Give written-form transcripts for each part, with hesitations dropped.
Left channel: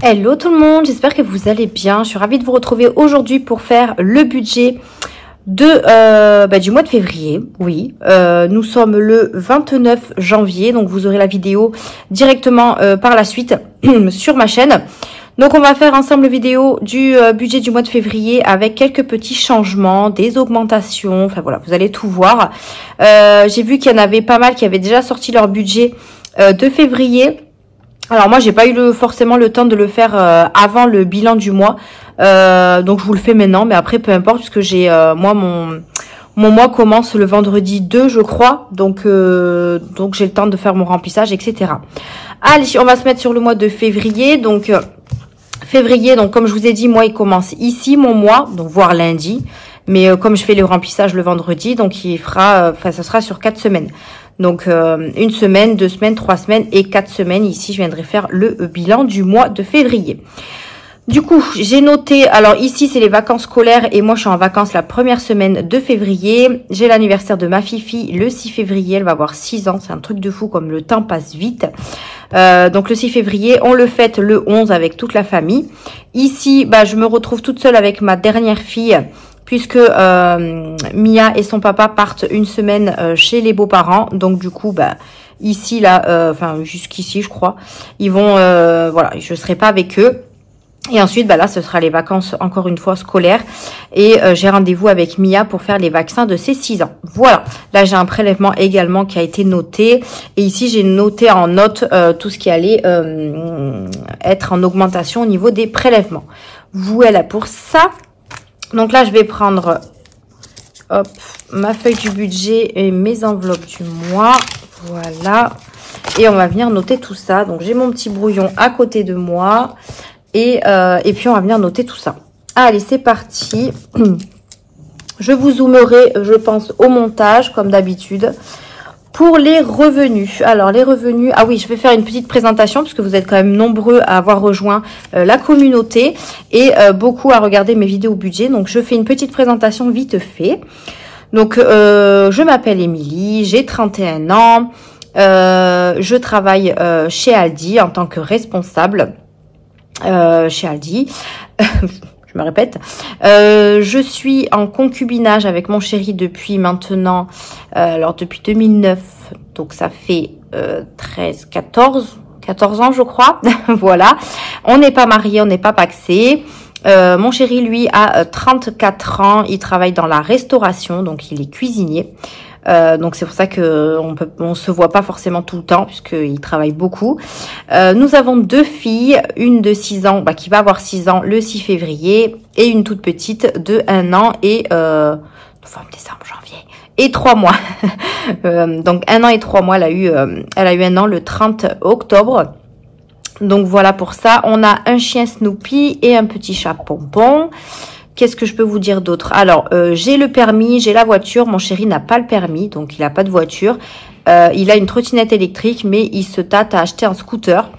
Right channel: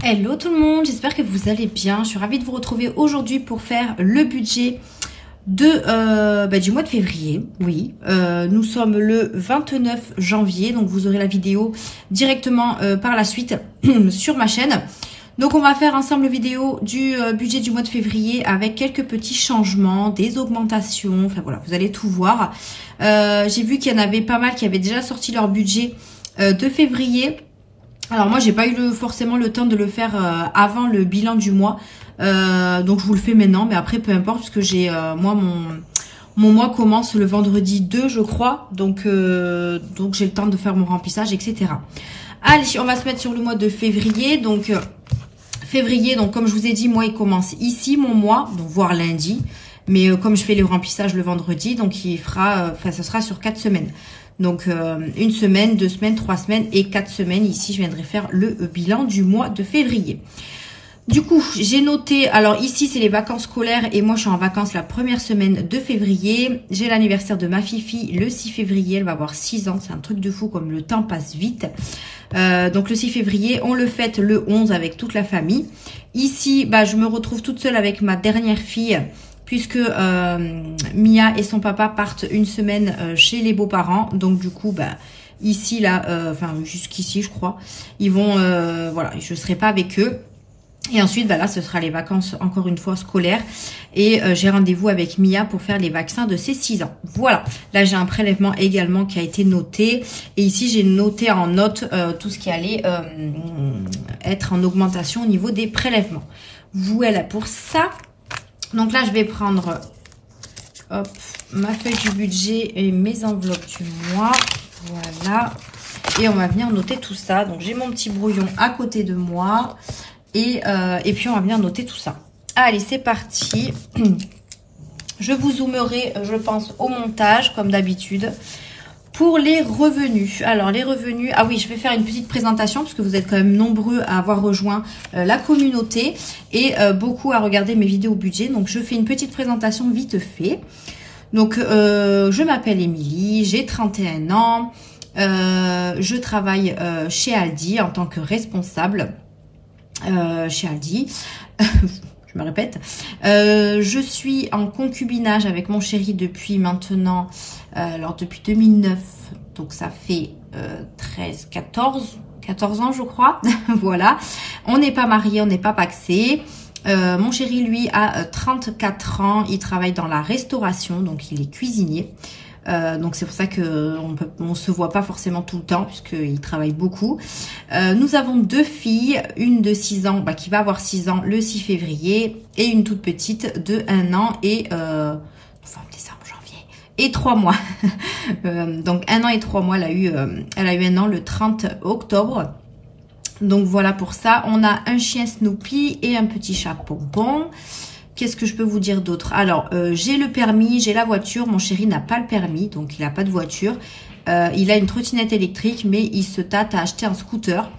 Hello tout le monde, j'espère que vous allez bien. Je suis ravie de vous retrouver aujourd'hui pour faire le budget du mois de février. Oui, nous sommes le 29 janvier, donc vous aurez la vidéo directement par la suite sur ma chaîne. Donc on va faire ensemble la vidéo du budget du mois de février avec quelques petits changements, des augmentations, enfin voilà, vous allez tout voir. J'ai vu qu'il y en avait pas mal qui avaient déjà sorti leur budget de février. Alors moi j'ai pas eu forcément le temps de le faire avant le bilan du mois, donc je vous le fais maintenant, mais après peu importe puisque j'ai moi mon mois commence le vendredi 2 je crois, donc j'ai le temps de faire mon remplissage, etc. Allez, on va se mettre sur le mois de février. Donc février, donc comme je vous ai dit, moi il commence ici mon mois, donc voire lundi, mais comme je fais le remplissage le vendredi, donc il fera, ça sera sur 4 semaines. Donc une semaine, 2 semaines, 3 semaines et 4 semaines. Ici, je viendrai faire le bilan du mois de février. Du coup, j'ai noté, alors ici, c'est les vacances scolaires et moi, je suis en vacances la première semaine de février. J'ai l'anniversaire de ma fifi le 6 février. Elle va avoir 6 ans. C'est un truc de fou comme le temps passe vite. Donc le 6 février, on le fête le 11 avec toute la famille. Ici, je me retrouve toute seule avec ma dernière fille, puisque Mia et son papa partent une semaine chez les beaux-parents. Donc du coup, ici, là, enfin jusqu'ici, je crois, ils vont, voilà, je serai pas avec eux. Et ensuite, là, ce sera les vacances, encore une fois, scolaires. Et j'ai rendez-vous avec Mia pour faire les vaccins de ses 6 ans. Voilà, là, j'ai un prélèvement également qui a été noté. Et ici, j'ai noté en note tout ce qui allait être en augmentation au niveau des prélèvements. Voilà pour ça. Donc là, je vais prendre hop, ma feuille du budget et mes enveloppes du mois. Voilà. Et on va venir noter tout ça. Donc, j'ai mon petit brouillon à côté de moi. Et puis, on va venir noter tout ça. Allez, c'est parti. Je vous zoomerai, je pense, au montage, comme d'habitude. Pour les revenus, alors les revenus, ah oui, je vais faire une petite présentation parce que vous êtes quand même nombreux à avoir rejoint la communauté et beaucoup à regarder mes vidéos budget. Donc je fais une petite présentation vite fait. Donc je m'appelle Émilie, j'ai 31 ans, je travaille chez Aldi en tant que responsable chez Aldi. Je me répète, je suis en concubinage avec mon chéri depuis maintenant, alors depuis 2009, donc ça fait 14 ans je crois, voilà. On n'est pas mariés, on n'est pas pacsés. Mon chéri lui a 34 ans, il travaille dans la restauration, donc il est cuisinier. Donc c'est pour ça que on se voit pas forcément tout le temps puisqu'il travaille beaucoup. Nous avons 2 filles, une de 6 ans qui va avoir 6 ans le 6 février et une toute petite de 1 an et novembre, décembre, janvier et 3 mois. Donc 1 an et 3 mois, elle a eu 1 an le 30 octobre. Donc voilà pour ça. On a un chien Snoopy et un petit chat Pompon. Qu'est-ce que je peux vous dire d'autre? Alors, j'ai le permis, j'ai la voiture. Mon chéri n'a pas le permis, donc il n'a pas de voiture. Il a une trottinette électrique, mais il se tâte à acheter un scooter.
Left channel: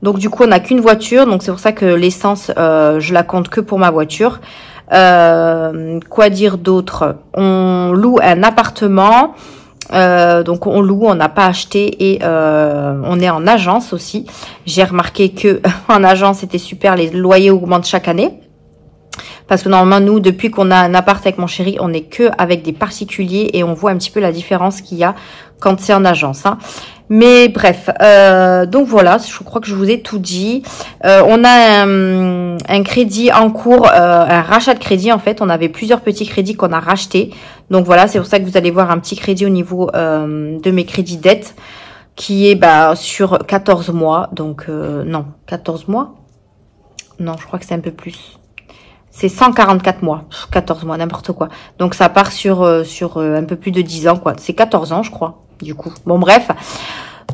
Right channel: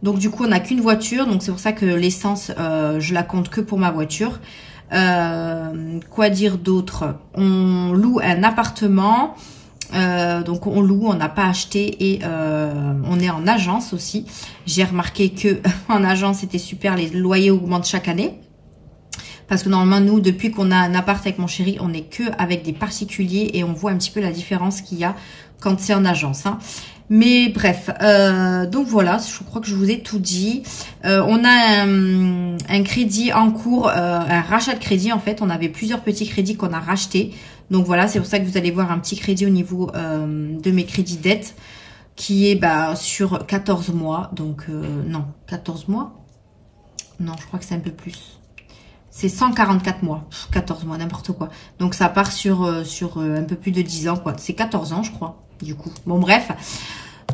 Donc, du coup, on n'a qu'une voiture. Donc, c'est pour ça que l'essence, je la compte que pour ma voiture. Quoi dire d'autre? On loue un appartement. Donc, on loue, on n'a pas acheté et on est en agence aussi. J'ai remarqué que en agence, c'était super. Les loyers augmentent chaque année. Parce que normalement, nous, depuis qu'on a un appart avec mon chéri, on n'est que avec des particuliers et on voit un petit peu la différence qu'il y a quand c'est en agence. Hein. Mais bref, donc voilà, je crois que je vous ai tout dit. On a un crédit en cours, un rachat de crédit en fait. On avait plusieurs petits crédits qu'on a rachetés. Donc voilà, c'est pour ça que vous allez voir un petit crédit au niveau de mes crédits dettes qui est sur 14 mois. Donc non, 14 mois? Non, je crois que c'est un peu plus. C'est 144 mois, 14 mois, n'importe quoi. Donc, ça part sur un peu plus de 10 ans, quoi. C'est 14 ans, je crois, du coup. Bon, bref.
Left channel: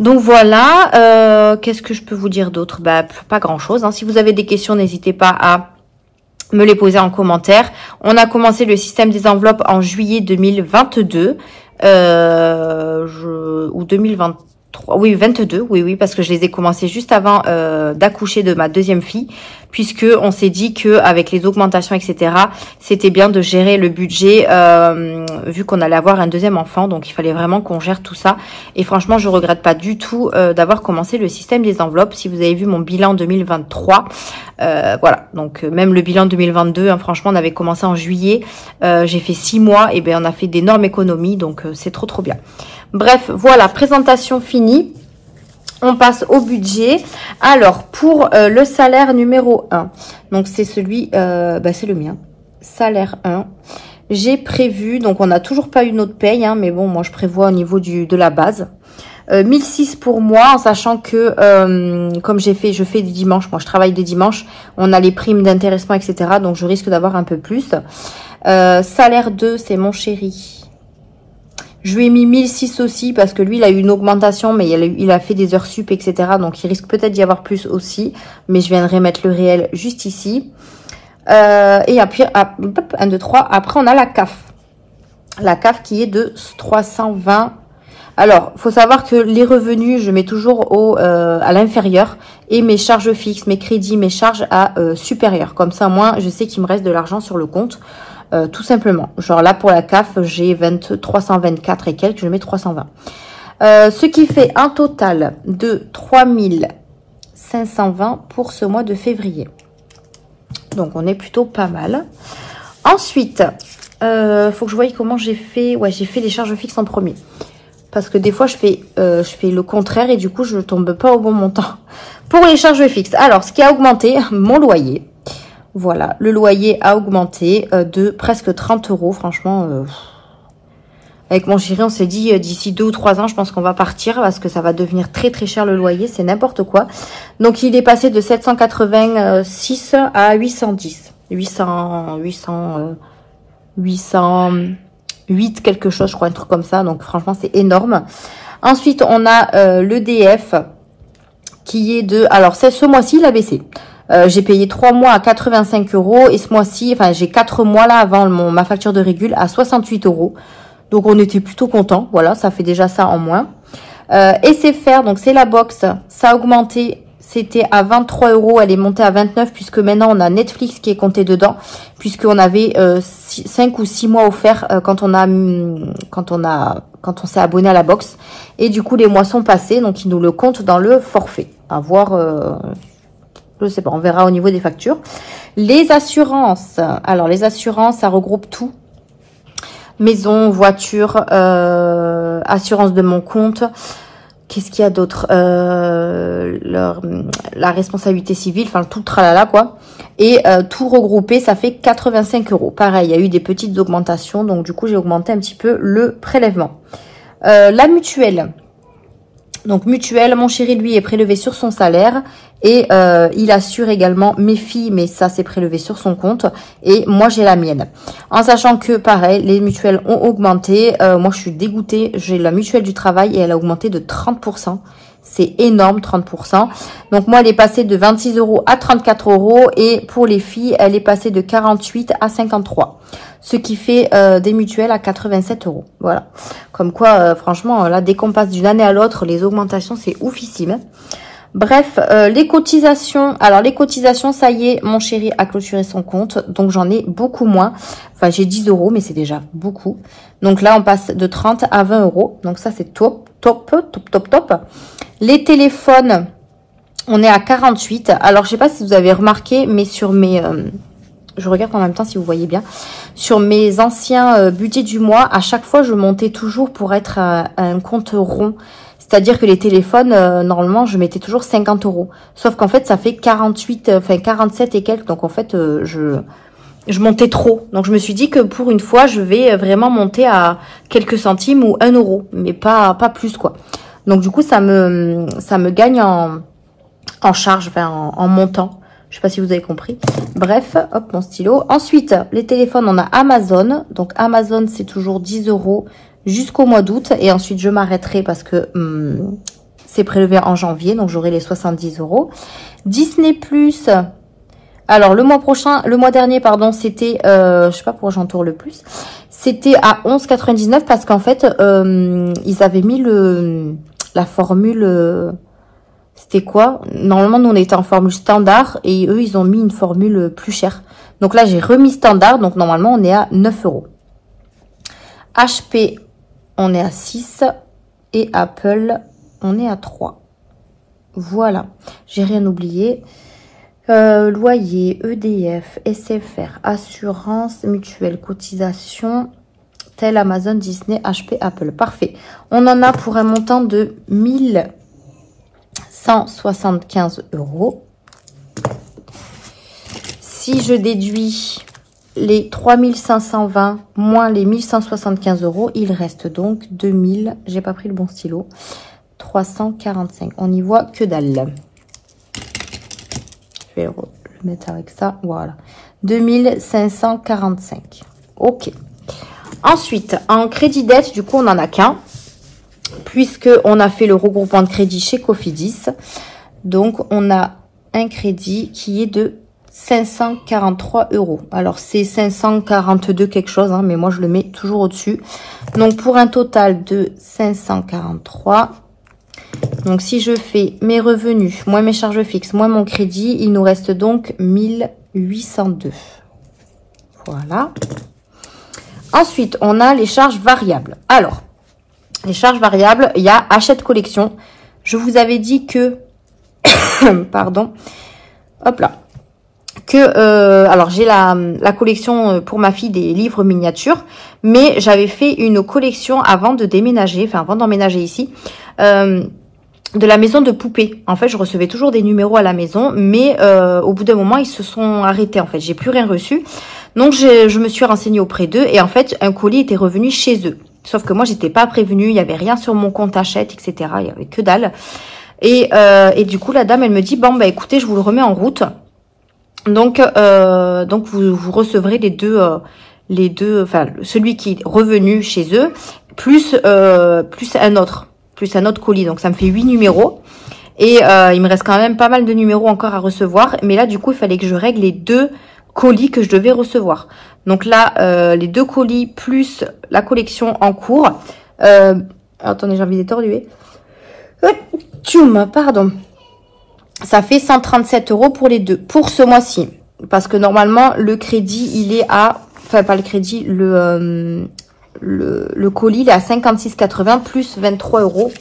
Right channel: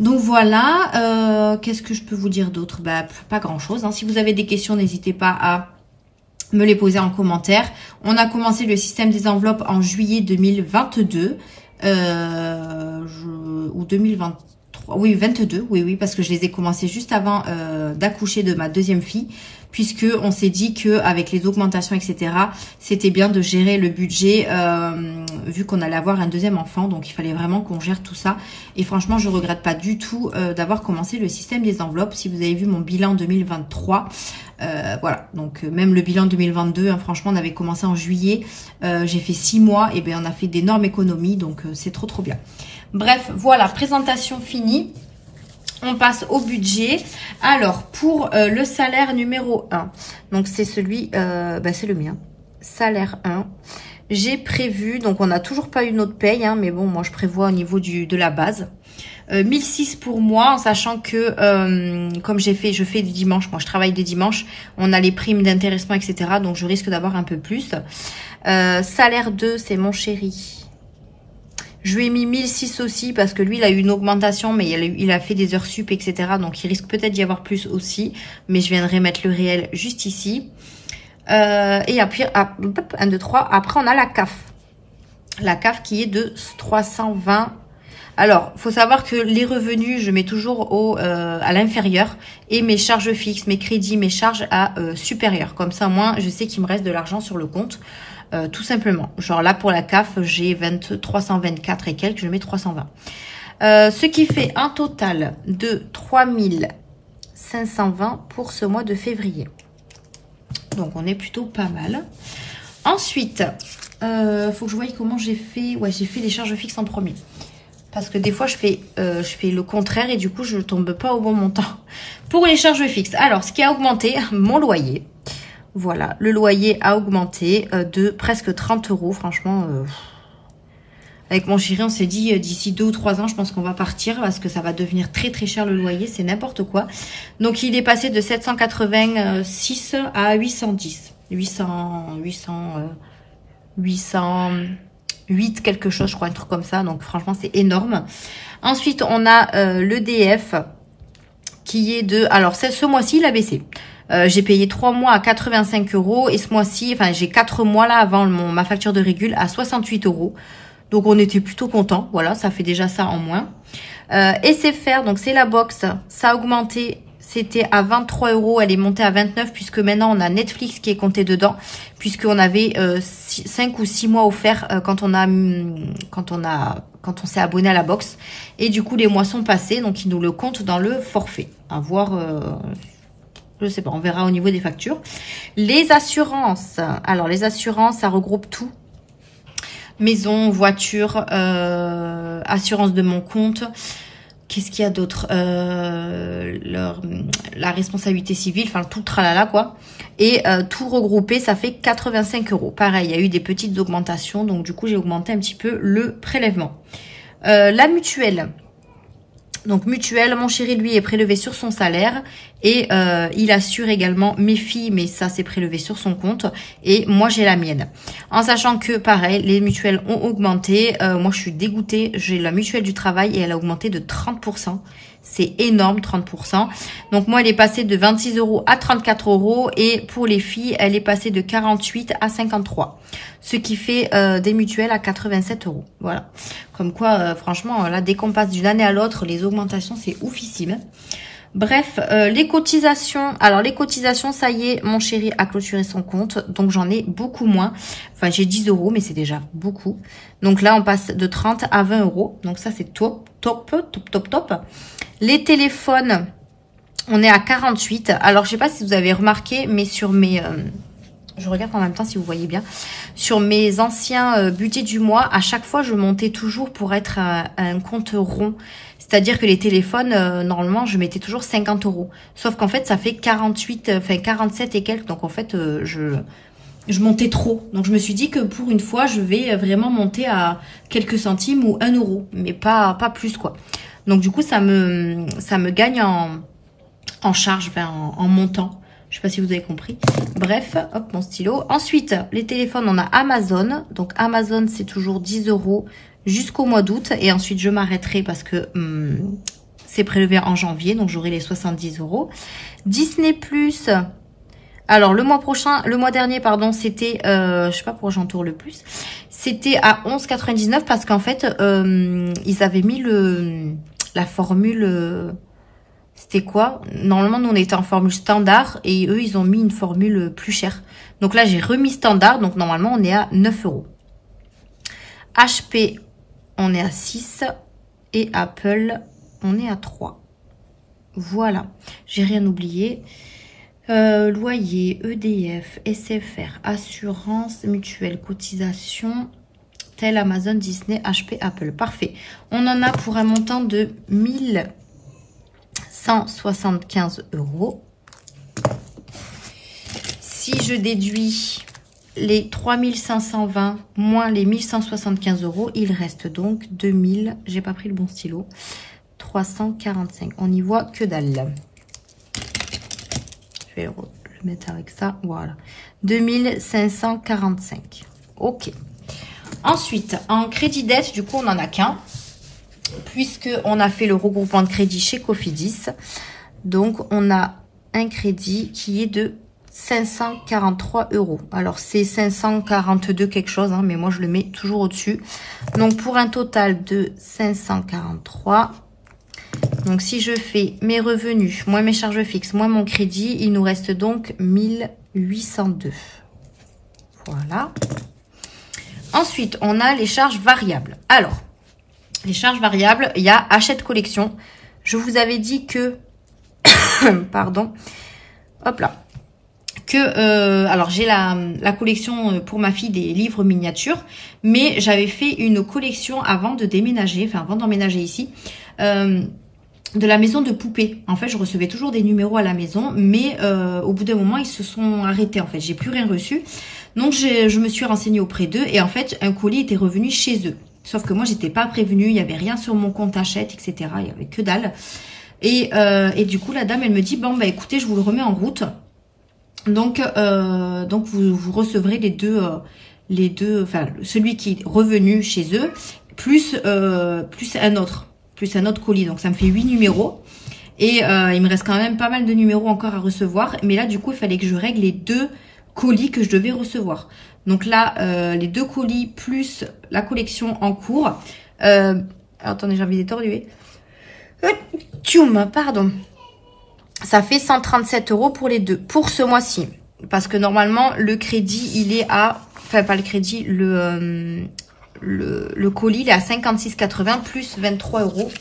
Donc, voilà. Qu'est-ce que je peux vous dire d'autre? Pas grand-chose. Hein. Si vous avez des questions, n'hésitez pas à me les poser en commentaire. On a commencé le système des enveloppes en juillet 2022. Ou 2020. oui, 22, oui, parce que je les ai commencés juste avant d'accoucher de ma deuxième fille, puisque on s'est dit que avec les augmentations, etc., c'était bien de gérer le budget, vu qu'on allait avoir un deuxième enfant, donc il fallait vraiment qu'on gère tout ça. Et franchement, je regrette pas du tout d'avoir commencé le système des enveloppes. Si vous avez vu mon bilan 2023, voilà, donc même le bilan 2022, hein, franchement, on avait commencé en juillet, j'ai fait 6 mois, et bien on a fait d'énormes économies, donc c'est trop bien. Bref, voilà, présentation finie. On passe au budget. Alors, pour le salaire numéro 1, donc c'est celui, c'est le mien, salaire 1. J'ai prévu, donc on n'a toujours pas eu notre paye, hein, mais bon, moi je prévois au niveau de la base. 1006 pour moi, en sachant que, comme je fais du dimanche, moi je travaille des dimanches, on a les primes d'intéressement, etc. Donc je risque d'avoir un peu plus. Salaire 2, c'est mon chéri. Je lui ai mis 1006 aussi parce que lui, il a eu une augmentation, mais il a fait des heures sup, etc. Donc, il risque peut-être d'y avoir plus aussi. Mais je viendrai mettre le réel juste ici. Et après, 1, 2, 3. Après, on a la CAF. La CAF qui est de 320. Alors, faut savoir que les revenus, je mets toujours à l'inférieur. Et mes charges fixes, mes crédits, mes charges à supérieur. Comme ça, moi, je sais qu'il me reste de l'argent sur le compte. Tout simplement. Genre là, pour la CAF, j'ai 324 et quelques, je mets 320. Ce qui fait un total de 3520 pour ce mois de février. Donc, on est plutôt pas mal. Ensuite, faut que je voie comment j'ai fait. Ouais, j'ai fait les charges fixes en premier. Parce que des fois, je fais le contraire et du coup, je tombe pas au bon montant. Pour les charges fixes, alors, ce qui a augmenté, mon loyer. Voilà, le loyer a augmenté de presque 30 €. Franchement, avec mon chéri, on s'est dit d'ici 2 ou 3 ans, je pense qu'on va partir parce que ça va devenir très cher le loyer. C'est n'importe quoi. Donc, il est passé de 786 à 810. 808 quelque chose, je crois, un truc comme ça. Donc, franchement, c'est énorme. Ensuite, on a l'EDF qui est de... Alors, ce mois-ci, il a baissé. J'ai payé 3 mois à 85 € et ce mois-ci, enfin j'ai 4 mois là avant ma facture de régule à 68 €. Donc on était plutôt content. Voilà, ça fait déjà ça en moins. SFR, donc c'est la box, ça a augmenté. C'était à 23 €, elle est montée à 29 puisque maintenant on a Netflix qui est compté dedans, puisqu'on avait 5 ou 6 mois offerts quand on s'est abonné à la box. Et du coup les mois sont passés, donc ils nous le comptent dans le forfait. À voir. Je sais pas, on verra au niveau des factures. Les assurances. Alors, les assurances, ça regroupe tout. Maison, voiture, assurance de mon compte. Qu'est-ce qu'il y a d'autre? La responsabilité civile, enfin, tout le tralala, quoi. Et tout regroupé, ça fait 85 €. Pareil, il y a eu des petites augmentations. Donc, du coup, j'ai augmenté un petit peu le prélèvement. La mutuelle. Donc, mutuelle, mon chéri, lui, est prélevé sur son salaire. Et il assure également mes filles, mais ça, c'est prélevé sur son compte. Et moi, j'ai la mienne. En sachant que, pareil, les mutuelles ont augmenté. Moi, je suis dégoûtée. J'ai la mutuelle du travail et elle a augmenté de 30%. C'est énorme, 30%. Donc, moi, elle est passée de 26 € à 34 €. Et pour les filles, elle est passée de 48 à 53. Ce qui fait des mutuelles à 87 €. Voilà. Comme quoi, franchement, là, dès qu'on passe d'une année à l'autre, les augmentations, c'est oufissime. Bref, les cotisations. Alors, les cotisations, ça y est, mon chéri a clôturé son compte. Donc, j'en ai beaucoup moins. Enfin, j'ai 10 €, mais c'est déjà beaucoup. Donc là, on passe de 30 à 20 €. Donc, ça, c'est top. Les téléphones, on est à 48. Alors, je sais pas si vous avez remarqué, mais sur mes... je regarde en même temps si vous voyez bien. Sur mes anciens budgets du mois, à chaque fois, je montais toujours pour être à un compte rond. C'est-à-dire que les téléphones, normalement, je mettais toujours 50 €. Sauf qu'en fait, ça fait 47 et quelques. Donc, en fait, je montais trop. Donc, je me suis dit que pour une fois, je vais vraiment monter à quelques centimes ou 1 €. Mais pas plus, quoi. Donc, du coup, ça me gagne en charge, enfin, en montant. Je sais pas si vous avez compris. Bref, hop, mon stylo. Ensuite, les téléphones, on a Amazon. Donc, Amazon, c'est toujours 10 € jusqu'au mois d'août. Et ensuite, je m'arrêterai parce que c'est prélevé en janvier. Donc, j'aurai les 70 €. Disney+. Alors, le mois dernier, pardon, c'était, je sais pas pourquoi j'entoure le plus. C'était à 11,99 parce qu'en fait, ils avaient mis la formule... C'était quoi? Normalement, nous, on était en formule standard et eux, ils ont mis une formule plus chère. Donc là, j'ai remis standard. Donc normalement, on est à 9 €. HP, on est à 6. Et Apple, on est à 3. Voilà. J'ai rien oublié. Loyer, EDF, SFR, assurance, mutuelle, cotisation, tel Amazon, Disney, HP, Apple. Parfait. On en a pour un montant de 1175 €. Si je déduis les 3520 moins les 1175 €, il reste donc 2000, j'ai pas pris le bon stylo, 345. On n'y voit que dalle. Je vais le mettre avec ça, voilà. 2545. Ok. Ensuite, en crédit dette, du coup, on n'en a qu'un. Puisque on a fait le regroupement de crédit chez Cofidis. Donc, on a un crédit qui est de 543 €. Alors, c'est 542 quelque chose, hein, mais moi, je le mets toujours au-dessus. Donc, pour un total de 543. Donc, si je fais mes revenus, moins mes charges fixes, moins mon crédit, il nous reste donc 1802. Voilà. Ensuite, on a les charges variables. Alors, les charges variables, il y a achète collection. Je vous avais dit que... pardon. Hop là. Alors, j'ai la collection pour ma fille des livres miniatures. Mais j'avais fait une collection avant de déménager, enfin avant d'emménager ici, de la maison de poupées. En fait, je recevais toujours des numéros à la maison. Mais au bout d'un moment, ils se sont arrêtés. En fait, j'ai plus rien reçu. Donc, je me suis renseignée auprès d'eux. Et en fait, un colis était revenu chez eux. Sauf que moi, j'étais pas prévenue, il n'y avait rien sur mon compte Hachette, etc. Il n'y avait que dalle. Et du coup, la dame, elle me dit, bon, bah écoutez, je vous le remets en route. Donc vous recevrez les deux, enfin, celui qui est revenu chez eux, plus un autre colis. Donc, ça me fait 8 numéros. Et il me reste quand même pas mal de numéros encore à recevoir. Mais là, du coup, il fallait que je règle les 2 colis que je devais recevoir. Donc là, les 2 colis plus la collection en cours. Attendez, j'ai envie d'étorduer. Pardon. Ça fait 137 € pour les 2, pour ce mois-ci. Parce que normalement, le crédit, il est à... Enfin, pas le crédit, le colis, il est à 56,80 plus 23 €.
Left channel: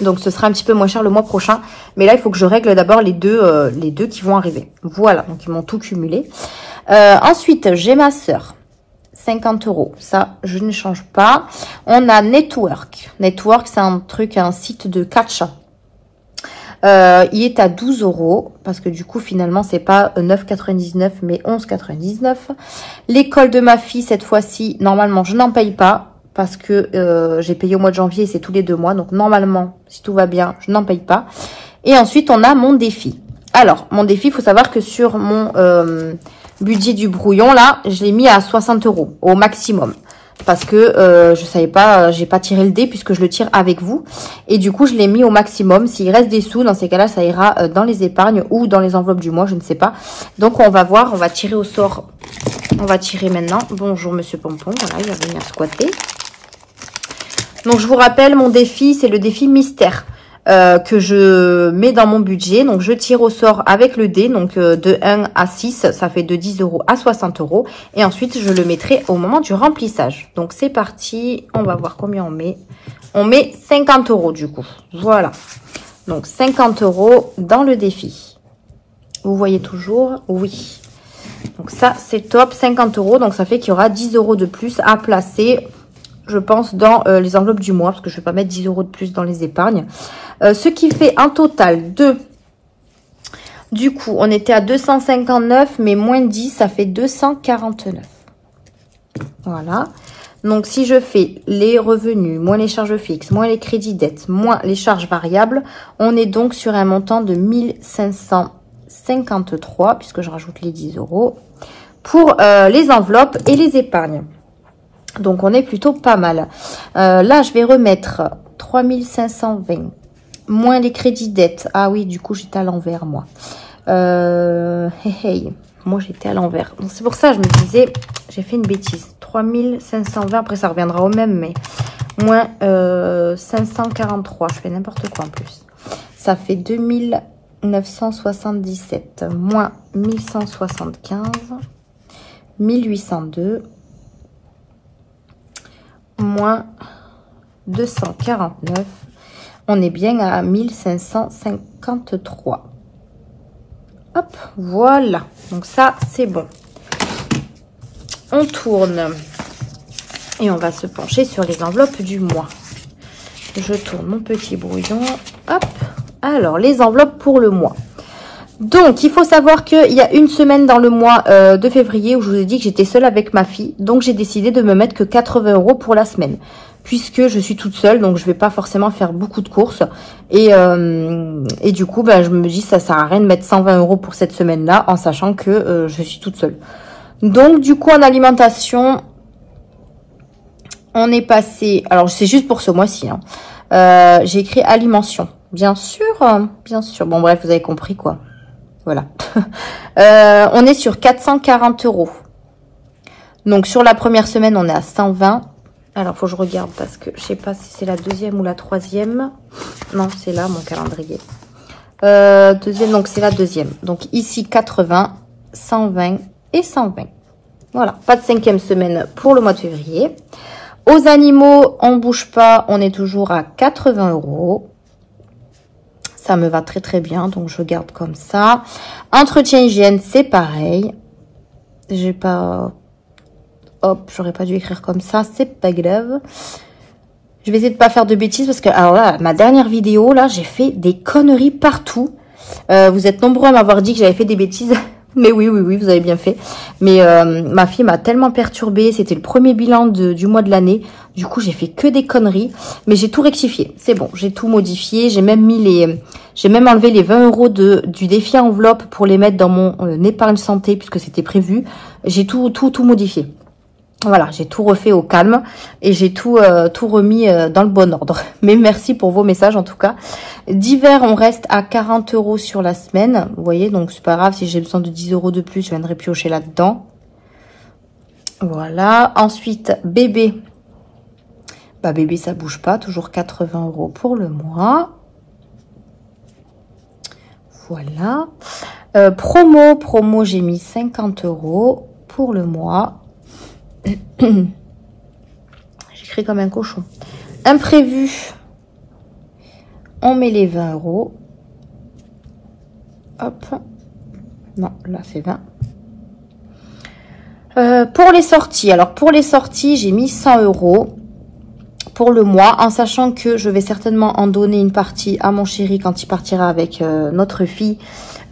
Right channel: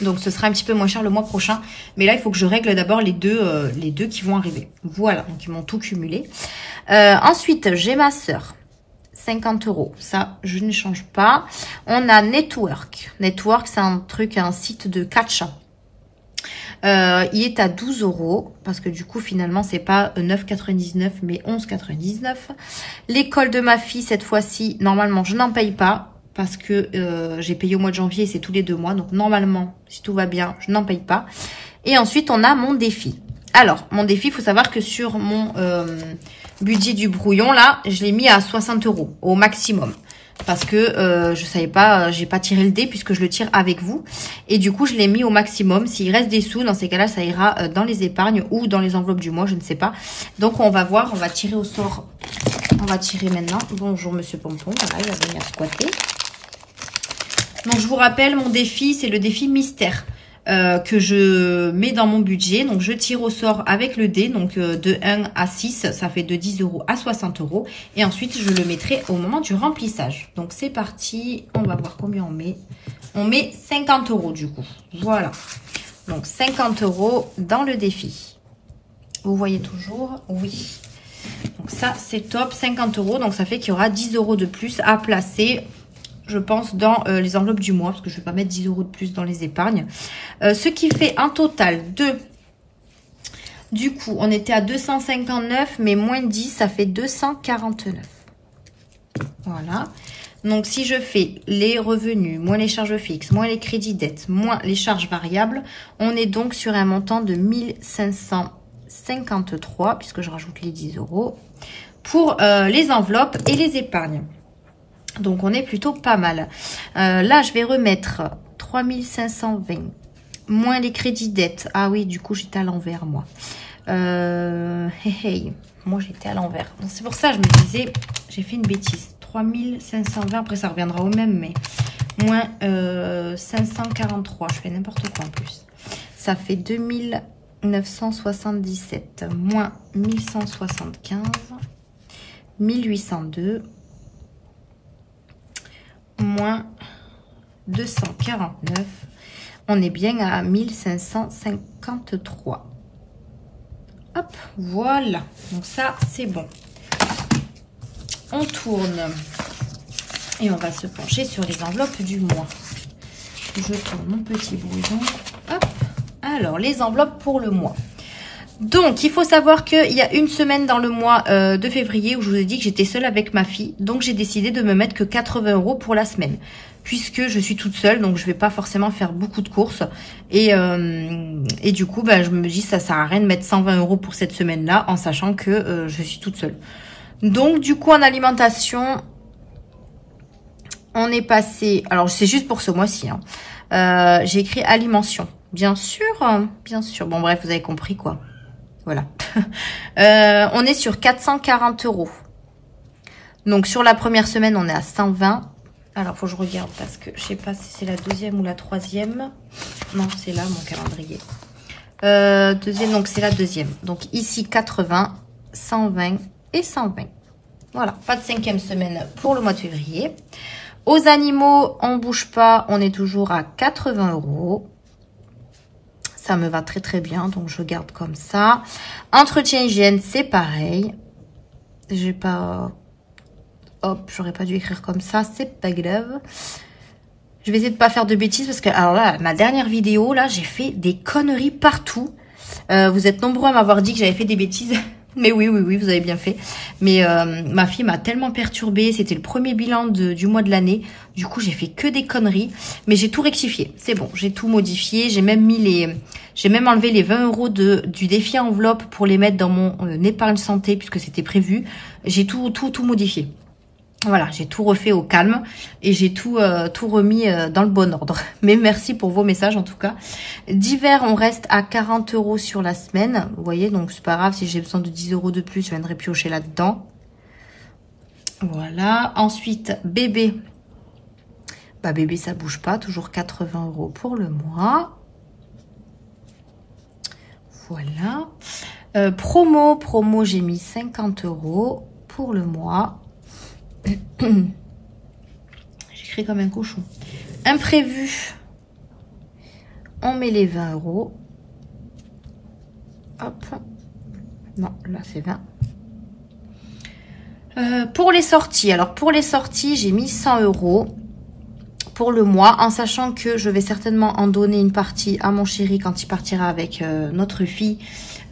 Donc, ce sera un petit peu moins cher le mois prochain. Mais là, il faut que je règle d'abord les deux qui vont arriver. Voilà, donc ils m'ont tout cumulé. Ensuite, j'ai ma sœur. 50 €. Ça, je ne change pas. On a Network. Network, c'est un site de catch. Il est à 12 € parce que du coup, finalement, c'est pas 9,99 mais 11,99. L'école de ma fille, cette fois-ci, normalement, je n'en paye pas parce que j'ai payé au mois de janvier et c'est tous les 2 mois. Donc, normalement, si tout va bien, je n'en paye pas. Et ensuite, on a mon défi. Alors, mon défi, il faut savoir que sur mon budget du brouillon, là, je l'ai mis à 60 € au maximum. Parce que je savais pas, j'ai pas tiré le dé puisque je le tire avec vous. Et du coup, je l'ai mis au maximum. S'il reste des sous, dans ces cas-là, ça ira dans les épargnes ou dans les enveloppes du mois, je ne sais pas. Donc, on va voir, on va tirer au sort. On va tirer maintenant. Bonjour, monsieur Pompon. Voilà, il va venir squatter. Donc, je vous rappelle, mon défi, c'est le défi mystère. Que je mets dans mon budget. Donc, je tire au sort avec le dé. Donc, de 1 à 6, ça fait de 10 € à 60 €. Et ensuite, je le mettrai au moment du remplissage. Donc, c'est parti. On va voir combien on met. On met 50 € du coup. Voilà. Donc, 50 € dans le défi. Vous voyez toujours? Oui. Donc, ça, c'est top. 50 €. Donc, ça fait qu'il y aura 10 € de plus à placer, je pense, dans les enveloppes du mois. Parce que je ne vais pas mettre 10 € de plus dans les épargnes. Ce qui fait un total de... Du coup, on était à 259, mais moins 10, ça fait 249. Voilà. Donc, si je fais les revenus, moins les charges fixes, moins les crédits dettes, moins les charges variables, on est donc sur un montant de 1553, puisque je rajoute les 10 € pour les enveloppes et les épargnes. Donc, on est plutôt pas mal. Là, je vais remettre 3520. Moins les crédits dettes. Ah oui, du coup, j'étais à l'envers, moi. Moi, j'étais à l'envers. C'est pour ça que je me disais, j'ai fait une bêtise. 3520, après, ça reviendra au même, mais moins 543. Je fais n'importe quoi en plus. Ça fait 2977 moins 1175, 1802 moins 249. On est bien à 1553. Hop, voilà. Donc ça, c'est bon. On tourne. Et on va se pencher sur les enveloppes du mois. Je tourne mon petit brouillon. Hop. Alors, les enveloppes pour le mois. Donc, il faut savoir qu'il y a une semaine dans le mois de février où je vous ai dit que j'étais seule avec ma fille. Donc, j'ai décidé de me mettre que 80 € pour la semaine. Puisque je suis toute seule, donc je vais pas forcément faire beaucoup de courses. Et du coup, je me dis ça sert à rien de mettre 120 € pour cette semaine-là, en sachant que je suis toute seule. Donc, du coup, en alimentation, on est passé... Alors, c'est juste pour ce mois-ci. Hein. J'ai écrit alimentation. Bien sûr, bien sûr. Bon, bref, vous avez compris, quoi. Voilà. On est sur 440 €. Donc, sur la première semaine, on est à 120. Alors, faut que je regarde parce que je sais pas si c'est la deuxième ou la troisième. Non, c'est là, mon calendrier. Deuxième, donc c'est la deuxième. Donc, ici, 80, 120 et 120. Voilà, pas de cinquième semaine pour le mois de février. Aux animaux, on bouge pas. On est toujours à 80 €. Ça me va très très bien, donc je garde comme ça. Entretien hygiène, c'est pareil. J'ai pas... Hop, j'aurais pas dû écrire comme ça, c'est pas grave. Je vais essayer de pas faire de bêtises parce que, alors là, ma dernière vidéo, là, j'ai fait des conneries partout. Vous êtes nombreux à m'avoir dit que j'avais fait des bêtises. Mais oui, vous avez bien fait. Mais ma fille m'a tellement perturbée. C'était le premier bilan du mois de l'année. Du coup, j'ai fait que des conneries. Mais j'ai tout rectifié. C'est bon, j'ai tout modifié. J'ai même mis j'ai même enlevé les 20 € du défi enveloppe pour les mettre dans mon épargne santé puisque c'était prévu. J'ai tout modifié. Voilà, j'ai tout refait au calme et j'ai tout remis dans le bon ordre. Mais merci pour vos messages en tout cas. D'hiver, on reste à 40 € sur la semaine. Vous voyez, donc c'est pas grave si j'ai besoin de 10 € de plus, je viendrai piocher là-dedans. Voilà. Ensuite, bébé. Bébé, ça bouge pas. Toujours 80 € pour le mois. Voilà. Promo, j'ai mis 50 € pour le mois. J'écris comme un cochon. Imprévu, on met les 20 €. Hop. Non, là c'est 20. Pour les sorties, alors pour les sorties, j'ai mis 100 € pour le mois, en sachant que je vais certainement en donner une partie à mon chéri quand il partira avec notre fille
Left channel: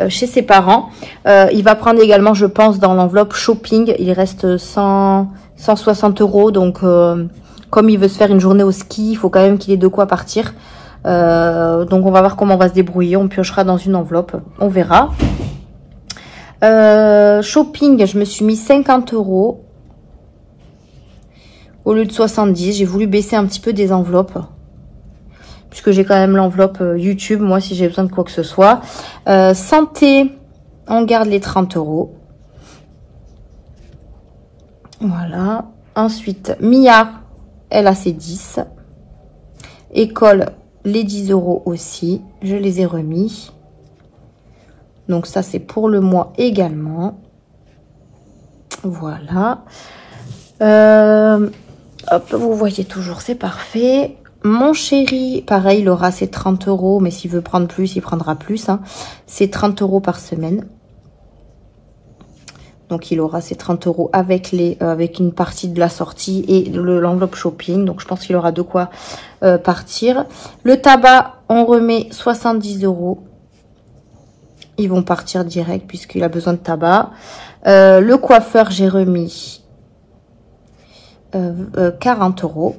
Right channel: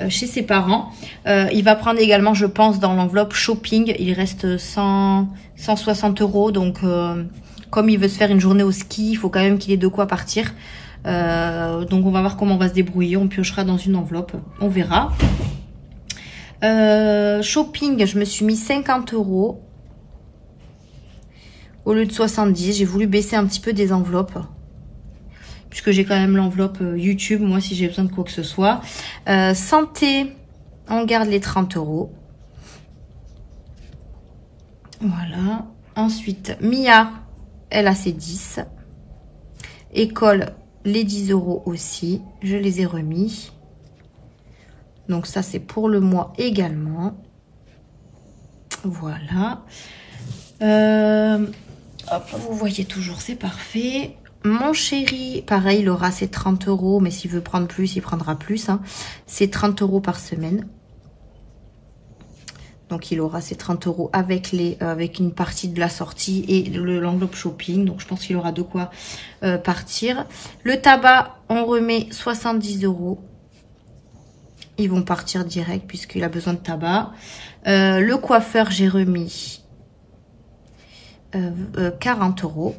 chez ses parents. Il va prendre également, je pense, dans l'enveloppe shopping, il reste 160 €, donc comme il veut se faire une journée au ski, il faut quand même qu'il ait de quoi partir. Donc on va voir comment on va se débrouiller, on piochera dans une enveloppe, on verra. Shopping, je me suis mis 50 € au lieu de 70. J'ai voulu baisser un petit peu des enveloppes puisque j'ai quand même l'enveloppe YouTube, moi, si j'ai besoin de quoi que ce soit. Santé, on garde les 30 €. Voilà. Ensuite, Mia, elle a ses 10. École, les 10 € aussi. Je les ai remis. Donc ça, c'est pour le mois également. Voilà. Hop, vous voyez toujours, c'est parfait. Mon chéri, pareil, il aura ses 30 €, mais s'il veut prendre plus, il prendra plus. Hein. C'est 30 € par semaine. Donc, il aura ses 30 € avec une partie de la sortie et l'enveloppe shopping. Donc, je pense qu'il aura de quoi partir. Le tabac, on remet 70 €. Ils vont partir direct puisqu'il a besoin de tabac. Le coiffeur, j'ai remis 40 €.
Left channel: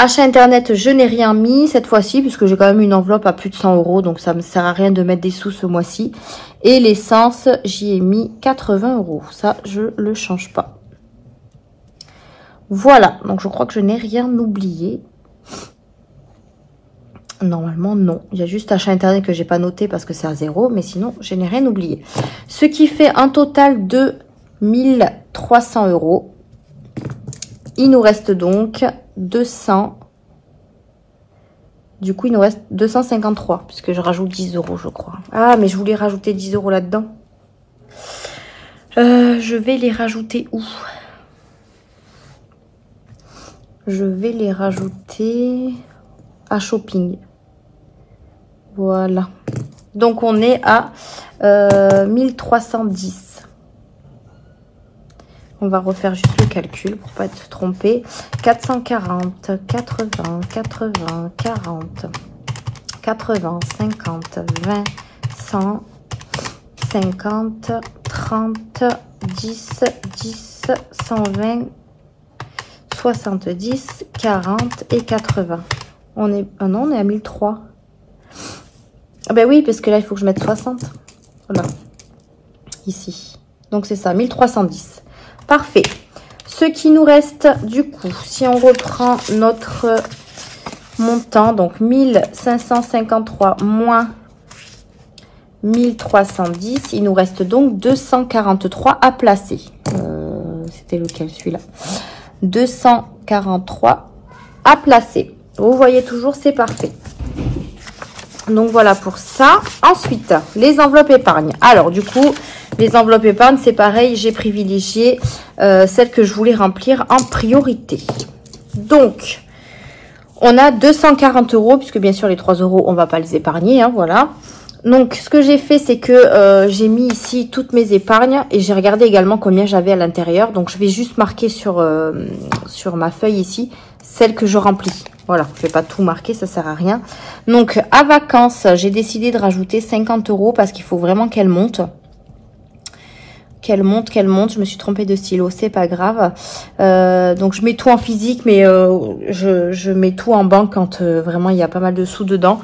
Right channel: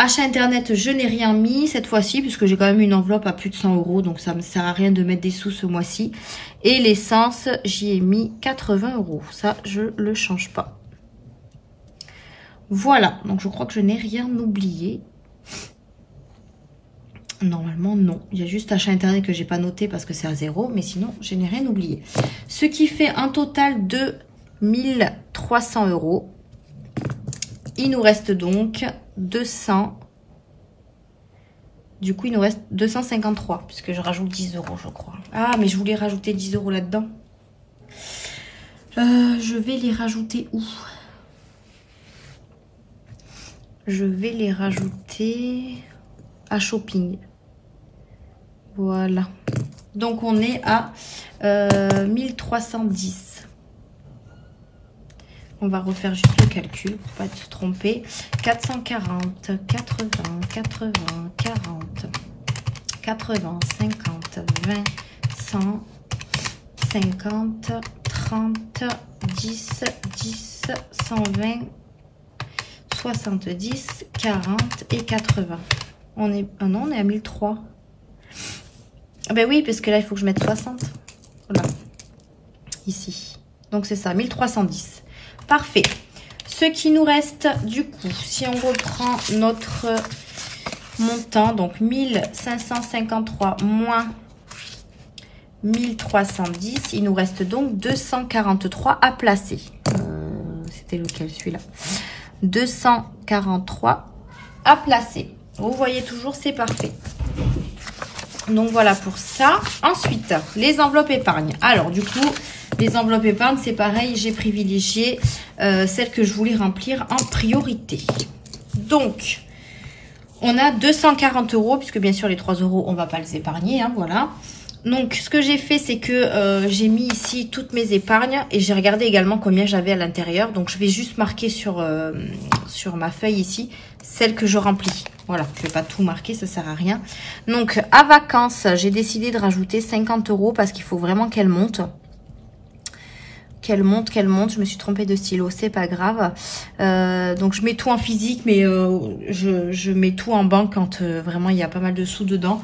Achat internet, je n'ai rien mis cette fois-ci puisque j'ai quand même une enveloppe à plus de 100 €. Donc, ça ne me sert à rien de mettre des sous ce mois-ci. Et l'essence, j'y ai mis 80 €. Ça, je le change pas. Voilà. Donc, je crois que je n'ai rien oublié. Normalement, non. Il y a juste achat internet que j'ai pas noté parce que c'est à 0. Mais sinon, je n'ai rien oublié. Ce qui fait un total de 1300 €. il nous reste donc 200. Du coup, il nous reste 253, puisque je rajoute 10 €, je crois. Ah, mais je voulais rajouter 10 € là-dedans. Je vais les rajouter où? Je vais les rajouter à shopping. Voilà. Donc, on est à 1310. On va refaire juste le calcul pour pas être trompé. 440, 80, 80, 40, 80, 50, 20, 100, 50, 30, 10, 10, 120, 70, 40 et 80. On est, ah non, on est à 1003. Ah ben oui, parce que là, il faut que je mette 60. Voilà. Ici. Donc, c'est ça, 1310. Parfait. Ce qui nous reste, du coup, si on reprend notre montant, donc 1553 moins 1310, il nous reste donc 243 à placer. C'était lequel, celui-là? 243 à placer. Vous voyez toujours, c'est parfait. Donc, voilà pour ça. Ensuite, les enveloppes épargne. Alors, du coup, les enveloppes épargne, c'est pareil. J'ai privilégié celles que je voulais remplir en priorité. Donc, on a 240 €, puisque bien sûr, les 3 €, on va pas les épargner. Hein, voilà. Donc, ce que j'ai fait, c'est que j'ai mis ici toutes mes épargnes. Et j'ai regardé également combien j'avais à l'intérieur. Donc, je vais juste marquer sur ma feuille ici, celles que je remplis. Voilà, je vais pas tout marquer, ça sert à rien. Donc, à vacances, j'ai décidé de rajouter 50 € parce qu'il faut vraiment qu'elle monte. Qu'elle monte. Je me suis trompée de stylo, c'est pas grave. Donc, je mets tout en physique, mais je mets tout en banque quand vraiment il y a pas mal de sous dedans.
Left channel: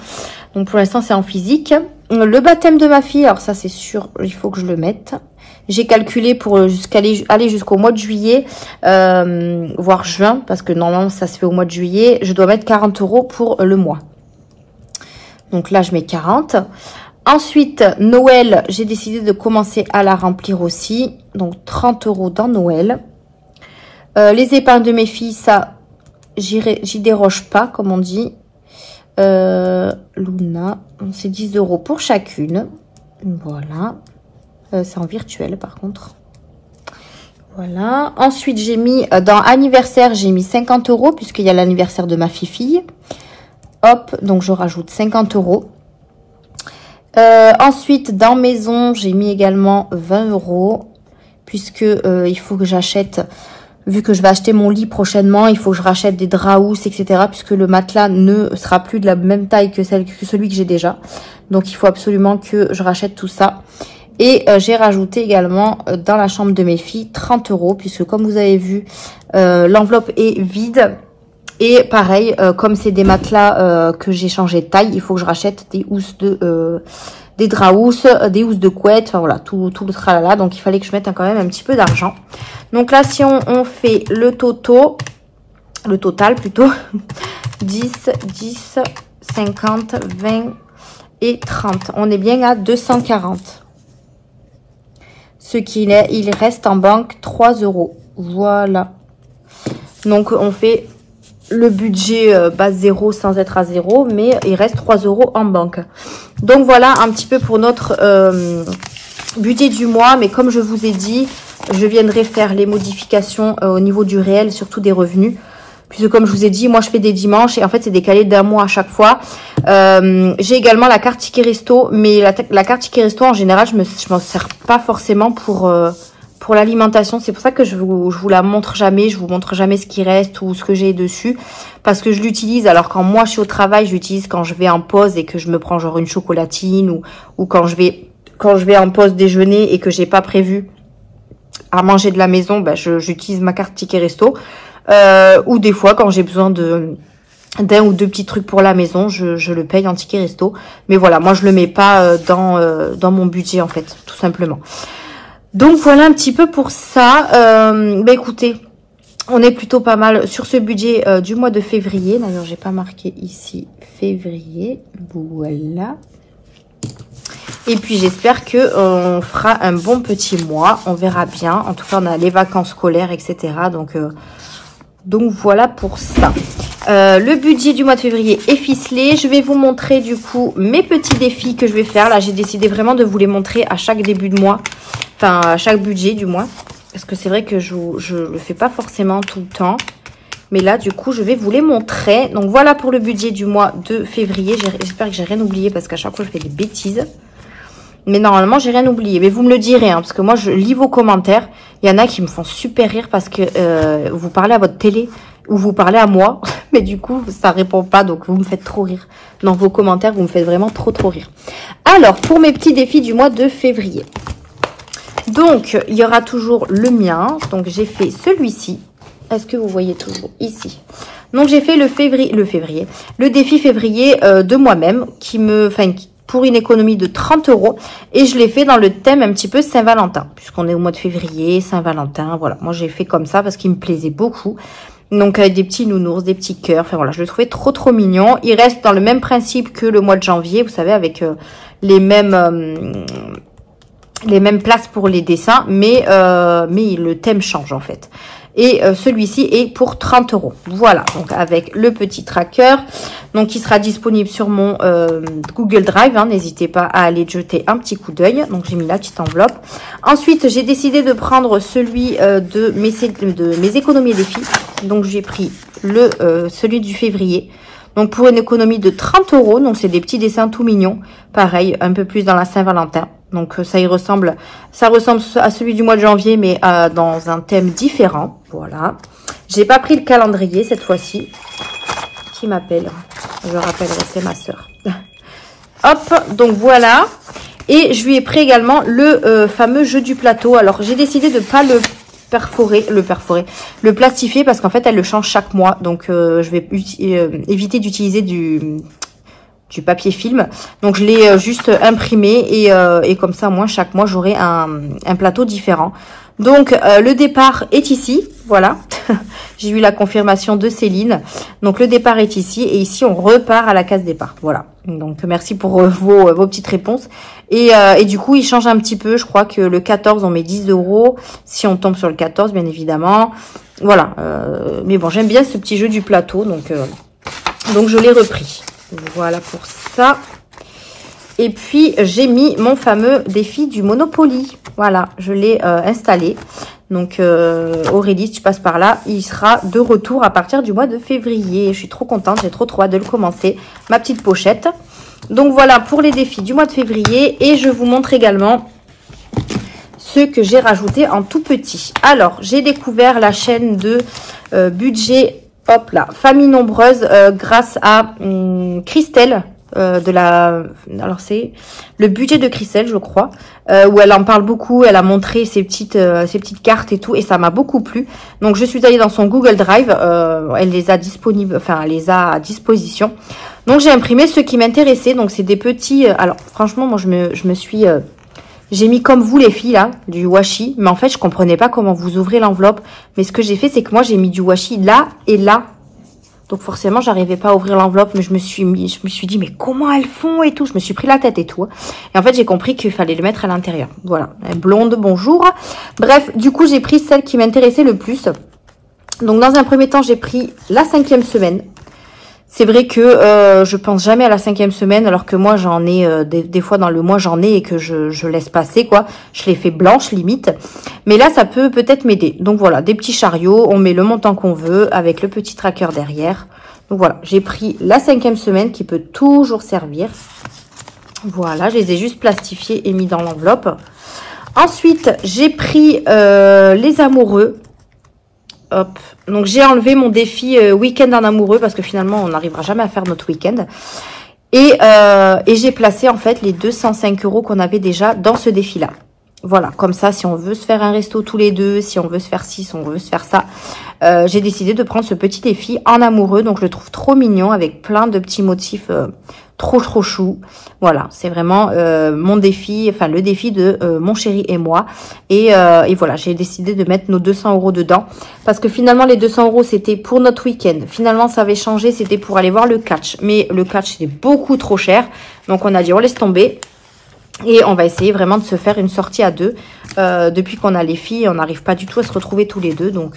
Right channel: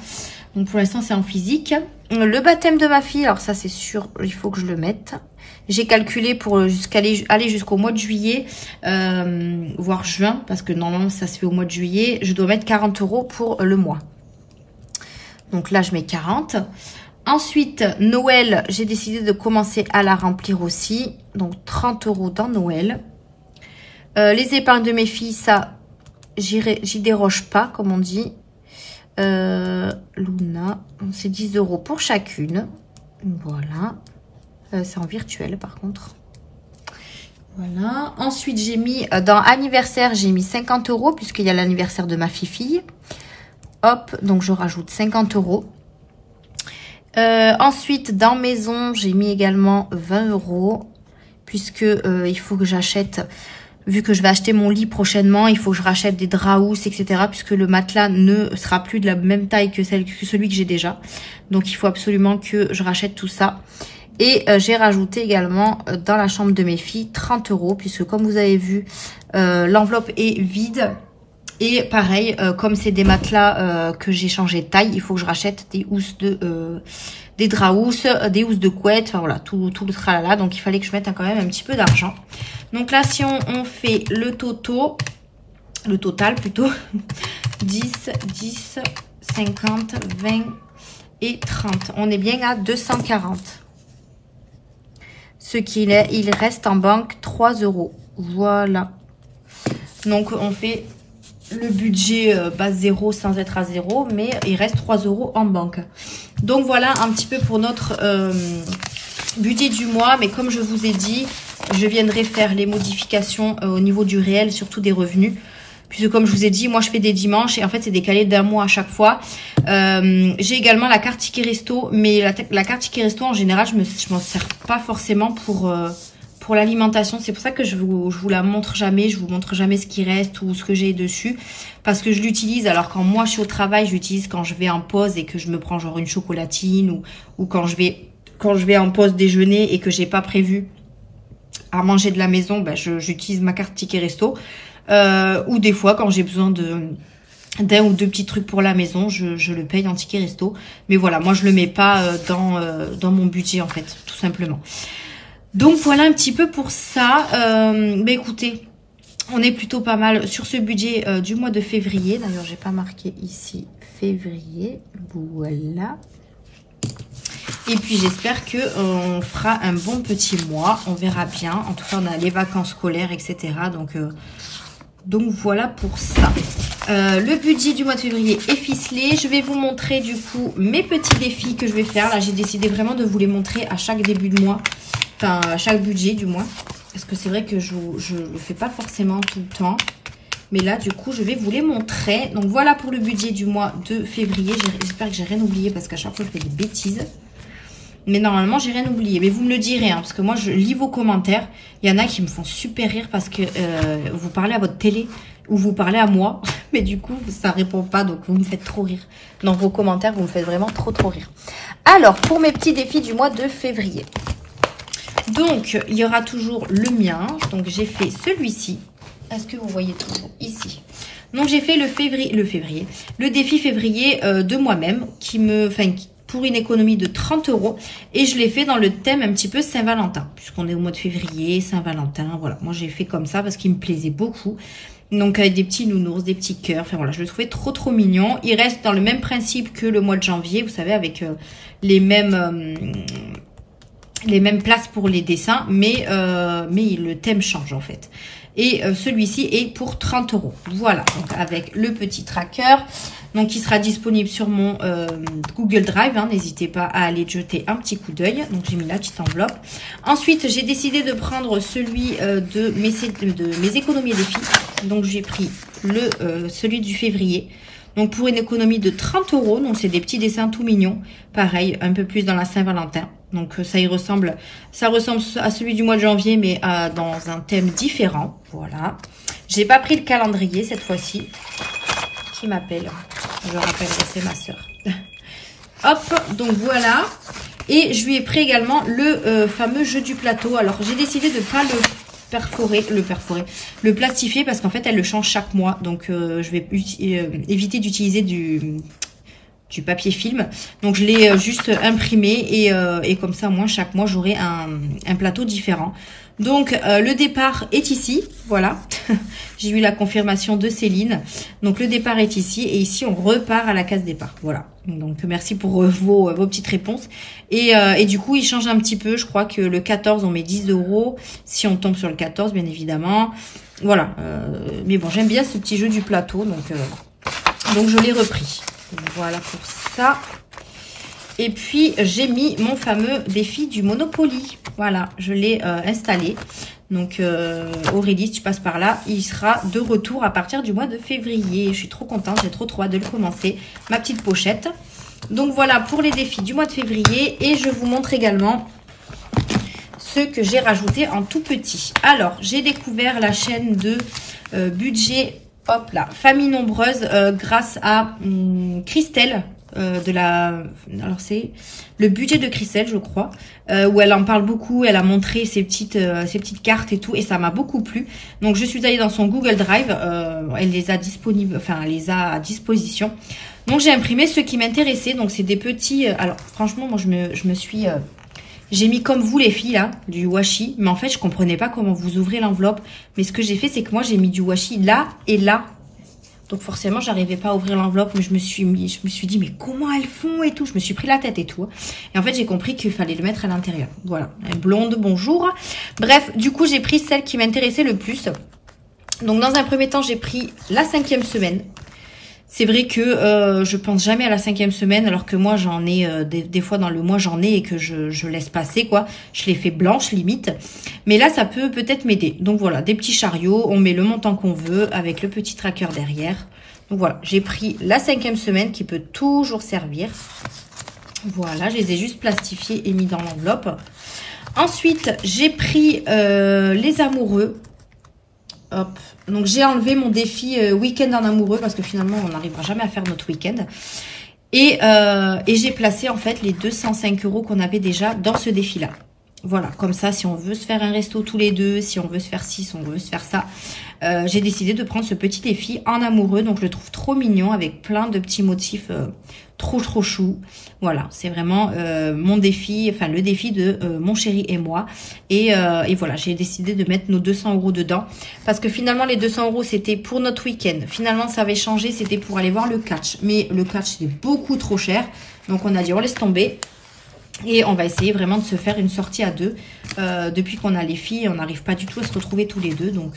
Donc, pour l'instant, c'est en physique. Le baptême de ma fille, alors ça, c'est sûr, il faut que je le mette. J'ai calculé pour aller jusqu'au mois de juillet, voire juin, parce que normalement, ça se fait au mois de juillet. Je dois mettre 40 € pour le mois. Donc là, je mets 40. Ensuite, Noël, j'ai décidé de commencer à la remplir aussi. Donc, 30 € dans Noël. Les épargnes de mes filles, ça, j'y déroge pas, comme on dit. Luna, c'est 10 € pour chacune. Voilà. C'est en virtuel, par contre. Voilà. Ensuite, j'ai mis, dans anniversaire, j'ai mis 50 €, puisqu'il y a l'anniversaire de ma fille. Hop, donc je rajoute 50 €. Ensuite, dans maison, j'ai mis également 20 €, puisque il faut que j'achète, vu que je vais acheter mon lit prochainement, il faut que je rachète des draps housses, etc., puisque le matelas ne sera plus de la même taille que celui que j'ai déjà. Donc, il faut absolument que je rachète tout ça. Et j'ai rajouté également dans la chambre de mes filles 30 €, puisque comme vous avez vu, l'enveloppe est vide. Et pareil, comme c'est des matelas que j'ai changé de taille, il faut que je rachète des housses des draps housses, des housses de couette, enfin voilà, tout le tralala. Donc il fallait que je mette quand même un petit peu d'argent. Donc là, si on fait le total plutôt, 10, 10, 50, 20 et 30. On est bien à 240. Ce qu'il est, il reste en banque 3 €. Voilà. Donc on fait le budget base 0 sans être à 0, mais il reste 3 € en banque. Donc voilà un petit peu pour notre budget du mois. Mais comme je vous ai dit, je viendrai faire les modifications au niveau du réel, surtout des revenus. Puisque comme je vous ai dit, moi je fais des dimanches et en fait c'est décalé d'un mois à chaque fois. J'ai également la carte ticket resto, mais la carte ticket resto en général je m'en sers pas forcément pour l'alimentation. C'est pour ça que je vous la montre jamais, je vous montre jamais ce qui reste ou ce que j'ai dessus, parce que je l'utilise. Alors quand moi je suis au travail, je l'utilise quand je vais en pause et que je me prends genre une chocolatine, ou quand je vais en pause déjeuner et que j'ai pas prévu à manger de la maison, ben j'utilise ma carte ticket resto. Ou des fois quand j'ai besoin d'un ou deux petits trucs pour la maison, je le paye en ticket resto. Mais voilà, moi je le mets pas dans mon budget en fait, tout simplement. Donc voilà un petit peu pour ça. Bah écoutez, on est plutôt pas mal sur ce budget du mois de février. D'ailleurs, j'ai pas marqué ici février. Voilà. Et puis j'espère que on fera un bon petit mois. On verra bien. En tout cas, on a les vacances scolaires, etc. Donc Donc voilà pour ça. Le budget du mois de février est ficelé. Je vais vous montrer du coup mes petits défis que je vais faire. Là, j'ai décidé vraiment de vous les montrer à chaque début de mois. Enfin, à chaque budget du mois. Parce que c'est vrai que je le fais pas forcément tout le temps. Mais là, du coup, je vais vous les montrer. Donc voilà pour le budget du mois de février. J'espère que j'ai rien oublié parce qu'à chaque fois, je fais des bêtises. Mais normalement, j'ai rien oublié. Mais vous me le direz, hein, parce que moi, je lis vos commentaires. Il y en a qui me font super rire parce que vous parlez à votre télé ou vous parlez à moi. Mais du coup, ça répond pas. Donc, vous me faites trop rire. Dans vos commentaires, vous me faites vraiment trop rire. Alors, pour mes petits défis du mois de février. Donc, il y aura toujours le mien. Donc, j'ai fait celui-ci. Est-ce que vous voyez toujours ici? Donc, j'ai fait le défi février de moi-même pour une économie de 30 €. Et je l'ai fait dans le thème un petit peu Saint-Valentin. Puisqu'on est au mois de février, Saint-Valentin. Voilà, moi j'ai fait comme ça parce qu'il me plaisait beaucoup. Donc avec des petits nounours, des petits cœurs. Enfin voilà, je le trouvais trop mignon. Il reste dans le même principe que le mois de janvier. Vous savez, avec les mêmes places pour les dessins. Mais le thème change en fait. Et celui-ci est pour 30 €. Voilà, donc avec le petit tracker. Donc, il sera disponible sur mon Google Drive. Hein, n'hésitez pas à aller jeter un petit coup d'œil. Donc, j'ai mis la petite enveloppe. Ensuite, j'ai décidé de prendre celui de mes économies de défis. Donc, j'ai pris celui du février. Donc, pour une économie de 30 €. Donc, c'est des petits dessins tout mignons. Pareil, un peu plus dans la Saint-Valentin. Donc, ça ressemble à celui du mois de janvier, mais dans un thème différent. Voilà. J'ai pas pris le calendrier cette fois-ci. Qui m'appelle? Je rappellerai, c'est ma soeur. Hop, donc voilà. Et je lui ai pris également le fameux jeu du plateau. Alors, j'ai décidé de ne pas le plastifier parce qu'en fait, elle le change chaque mois. Donc, je vais éviter d'utiliser du papier film. Donc, je l'ai juste imprimé et comme ça, moi, chaque mois, j'aurai un plateau différent. Donc, le départ est ici. Voilà. J'ai eu la confirmation de Céline. Donc, le départ est ici. Et ici, on repart à la case départ. Voilà. Donc, merci pour vos petites réponses. Et du coup, il change un petit peu. Je crois que le 14, on met 10 €. Si on tombe sur le 14, bien évidemment. Voilà. Mais bon, j'aime bien ce petit jeu du plateau. Donc je l'ai repris. Voilà pour ça. Et puis, j'ai mis mon fameux défi du Monopoly. Voilà, je l'ai installé. Donc, Aurélie, si tu passes par là, il sera de retour à partir du mois de février. Je suis trop contente, j'ai trop hâte de le commencer. Ma petite pochette. Donc, voilà pour les défis du mois de février. Et je vous montre également ceux que j'ai rajoutés en tout petit. Alors, j'ai découvert la chaîne de budget, hop là, famille nombreuse, grâce à Christelle. Alors c'est le budget de Christelle, je crois, où elle en parle beaucoup. Elle a montré ses petites cartes et tout, et ça m'a beaucoup plu. Donc je suis allée dans son Google Drive, elle les a disponibles, enfin elle les a à disposition. Donc j'ai imprimé ceux qui m'intéressaient. Donc c'est des petits. Alors franchement, moi j'ai mis comme vous les filles là, du washi, mais en fait je comprenais pas comment vous ouvrez l'enveloppe. Mais ce que j'ai fait, c'est que moi j'ai mis du washi là et là. Donc forcément, j'arrivais pas à ouvrir l'enveloppe, mais je me suis dit, mais comment elles font et tout. Je me suis pris la tête et tout. Et en fait, j'ai compris qu'il fallait le mettre à l'intérieur. Voilà, blonde, bonjour. Bref, du coup, j'ai pris celle qui m'intéressait le plus. Donc, dans un premier temps, j'ai pris la 5e semaine. C'est vrai que je pense jamais à la 5e semaine, alors que moi, j'en ai, des fois dans le mois, j'en ai et que je laisse passer, quoi. Je les fais blanches, limite. Mais là, ça peut peut-être m'aider. Donc voilà, des petits chariots, on met le montant qu'on veut avec le petit tracker derrière. Donc voilà, j'ai pris la 5e semaine qui peut toujours servir. Voilà, je les ai juste plastifiés et mis dans l'enveloppe. Ensuite, j'ai pris les amoureux. Hop. Donc j'ai enlevé mon défi week-end en amoureux parce que finalement on n'arrivera jamais à faire notre week-end. Et j'ai placé en fait les 205 € qu'on avait déjà dans ce défi-là. Voilà, comme ça, si on veut se faire un resto tous les deux, si on veut se faire ci, si on veut se faire ça, j'ai décidé de prendre ce petit défi en amoureux. Donc, je le trouve trop mignon avec plein de petits motifs trop chou. Voilà, c'est vraiment mon défi, enfin le défi de mon chéri et moi. Et voilà, j'ai décidé de mettre nos 200 € dedans. Parce que finalement, les 200 € c'était pour notre week-end. Finalement, ça avait changé, c'était pour aller voir le catch. Mais le catch, c'était beaucoup trop cher. Donc, on a dit, on laisse tomber. Et on va essayer vraiment de se faire une sortie à deux. Depuis qu'on a les filles, on n'arrive pas du tout à se retrouver tous les deux. Donc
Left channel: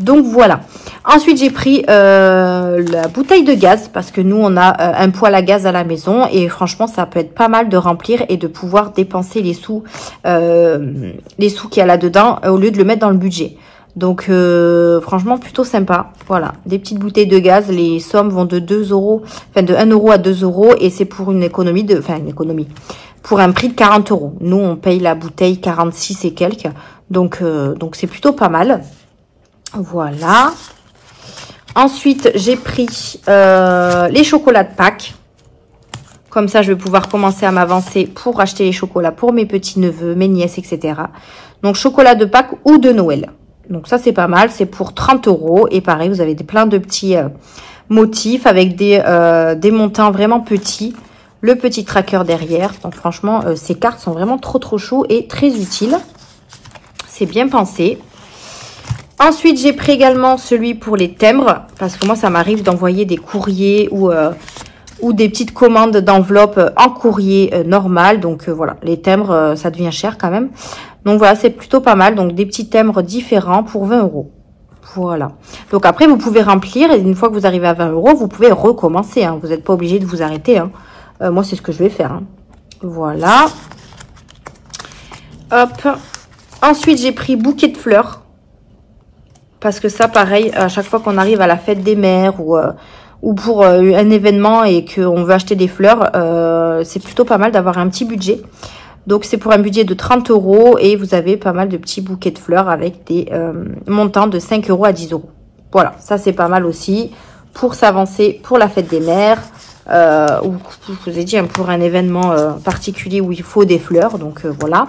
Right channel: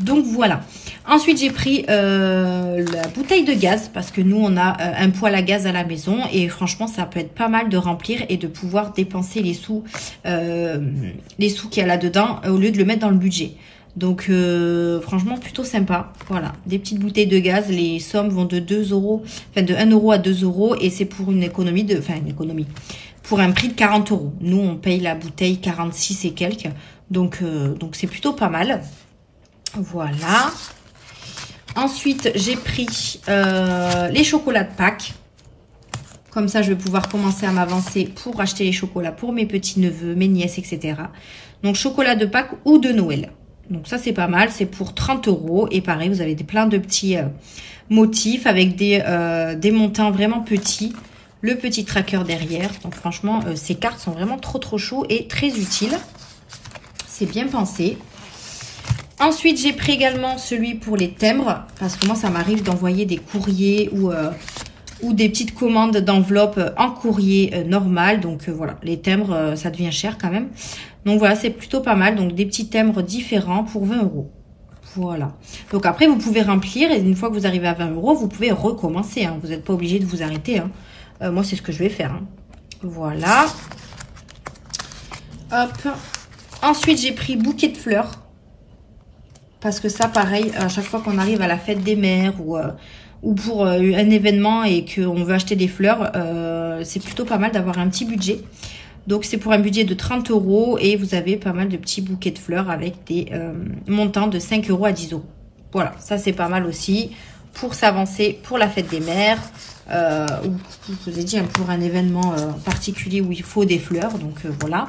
Donc voilà. Ensuite, j'ai pris la bouteille de gaz parce que nous, on a un poêle à gaz à la maison et franchement, ça peut être pas mal de remplir et de pouvoir dépenser les sous qu'il y a là-dedans au lieu de le mettre dans le budget. Donc, franchement, plutôt sympa. Voilà, des petites bouteilles de gaz. Les sommes vont de 2 €, enfin de 1 € à 2 € et c'est pour une économie de, enfin une économie, pour un prix de 40 €. Nous, on paye la bouteille 46 et quelques. Donc c'est plutôt pas mal. Voilà. Ensuite, j'ai pris les chocolats de Pâques. Comme ça, je vais pouvoir commencer à m'avancer pour acheter les chocolats pour mes petits-neveux, mes nièces, etc. Donc, chocolat de Pâques ou de Noël. Donc, ça, c'est pas mal. C'est pour 30 €. Et pareil, vous avez plein de petits motifs avec des montants vraiment petits. Le petit tracker derrière. Donc, franchement, ces cartes sont vraiment trop chauds et très utiles. C'est bien pensé. Ensuite, j'ai pris également celui pour les timbres, parce que moi, ça m'arrive d'envoyer des courriers ou des petites commandes d'enveloppes en courrier normal. Donc, voilà, les timbres, ça devient cher quand même. Donc, voilà, c'est plutôt pas mal. Donc, des petits timbres différents pour 20 €. Voilà. Donc, après, vous pouvez remplir et une fois que vous arrivez à 20 €, vous pouvez recommencer. Hein. Vous n'êtes pas obligé de vous arrêter. Hein. Moi, c'est ce que je vais faire. Hein. Voilà. Hop. Ensuite, j'ai pris bouquet de fleurs. Parce que ça, pareil, à chaque fois qu'on arrive à la fête des mères ou pour un événement et qu'on veut acheter des fleurs, c'est plutôt pas mal d'avoir un petit budget. Donc, c'est pour un budget de 30 € et vous avez pas mal de petits bouquets de fleurs avec des montants de 5 € à 10 €. Voilà, ça, c'est pas mal aussi pour s'avancer pour la fête des mères ou, je vous ai dit, pour un événement particulier où il faut des fleurs. Donc, voilà.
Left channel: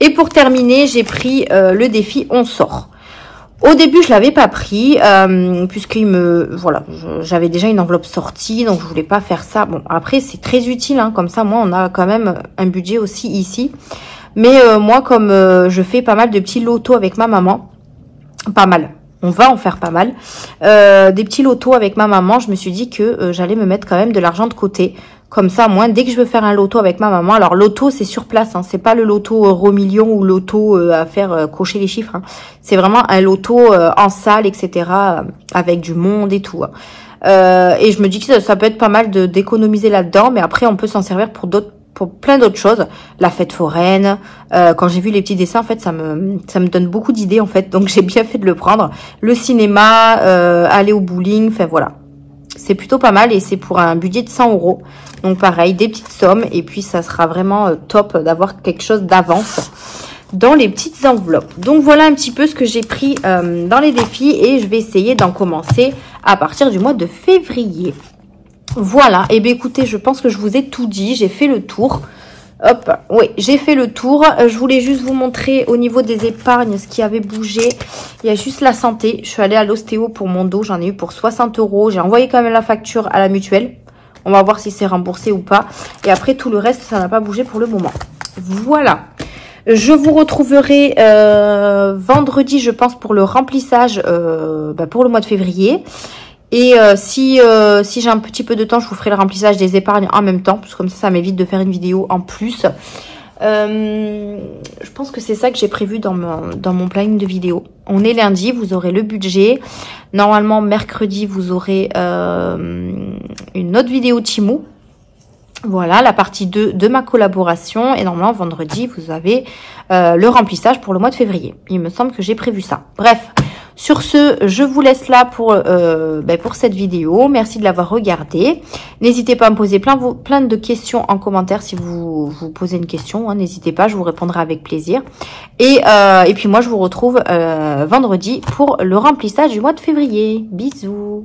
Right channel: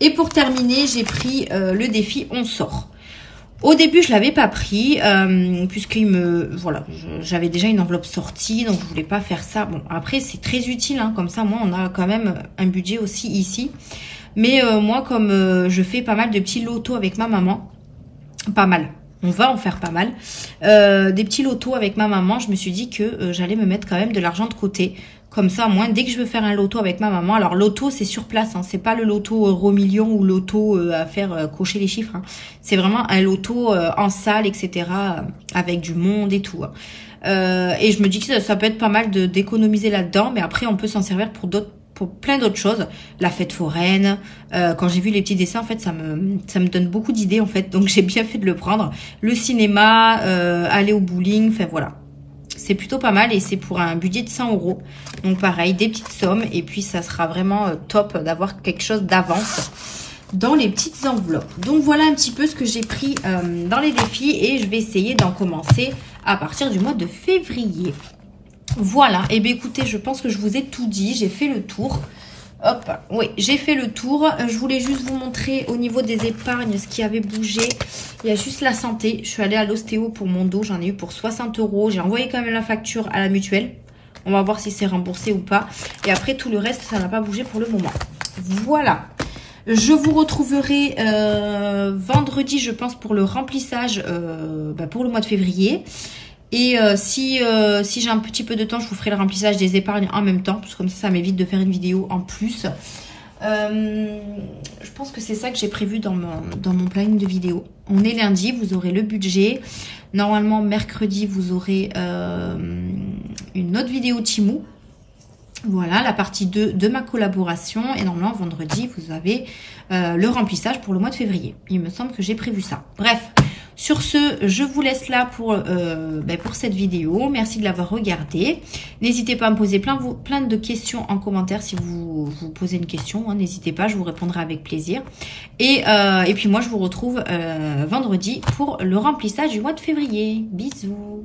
Et pour terminer, j'ai pris le défi « On sort ». Au début, je l'avais pas pris, voilà, j'avais déjà une enveloppe sortie, donc je voulais pas faire ça. Bon, après, c'est très utile, hein, comme ça, moi, on a quand même un budget aussi ici. Mais moi, comme je fais pas mal de petits lotos avec ma maman, pas mal, on va en faire pas mal, des petits lotos avec ma maman, je me suis dit que j'allais me mettre quand même de l'argent de côté. Comme ça, moi, dès que je veux faire un loto avec ma maman, alors loto, c'est sur place, hein, c'est pas le loto euro-million ou loto à faire cocher les chiffres. Hein. C'est vraiment un loto en salle, etc., avec du monde et tout. Hein. Et je me dis que ça peut être pas mal d'économiser là-dedans, mais après, on peut s'en servir pour plein d'autres choses. La fête foraine, quand j'ai vu les petits dessins, en fait, ça me donne beaucoup d'idées, en fait, donc j'ai bien fait de le prendre. Le cinéma, aller au bowling, enfin voilà. C'est plutôt pas mal et c'est pour un budget de 100 €. Donc pareil, des petites sommes et puis ça sera vraiment top d'avoir quelque chose d'avance dans les petites enveloppes. Donc voilà un petit peu ce que j'ai pris dans les défis et je vais essayer d'en commencer à partir du mois de février. Voilà, et bien écoutez, je pense que je vous ai tout dit, j'ai fait le tour. Hop, oui, j'ai fait le tour. Je voulais juste vous montrer au niveau des épargnes ce qui avait bougé. Il y a juste la santé. Je suis allée à l'ostéo pour mon dos. J'en ai eu pour 60 €. J'ai envoyé quand même la facture à la mutuelle. On va voir si c'est remboursé ou pas. Et après, tout le reste, ça n'a pas bougé pour le moment. Voilà. Je vous retrouverai vendredi, je pense, pour le remplissage pour le mois de février. Et si j'ai un petit peu de temps, je vous ferai le remplissage des épargnes en même temps. Parce que comme ça m'évite de faire une vidéo en plus. Je pense que c'est ça que j'ai prévu dans mon planning de vidéo. On est lundi, vous aurez le budget. Normalement, mercredi, vous aurez une autre vidéo Temu. Voilà, la partie 2 de ma collaboration. Et normalement, vendredi, vous avez le remplissage pour le mois de février. Il me semble que j'ai prévu ça. Bref. Sur ce, je vous laisse là pour cette vidéo. Merci de l'avoir regardée. N'hésitez pas à me poser plein de questions en commentaire si vous posez une question. Hein, n'hésitez pas, je vous répondrai avec plaisir. Et puis moi, je vous retrouve vendredi pour le remplissage du mois de février. Bisous.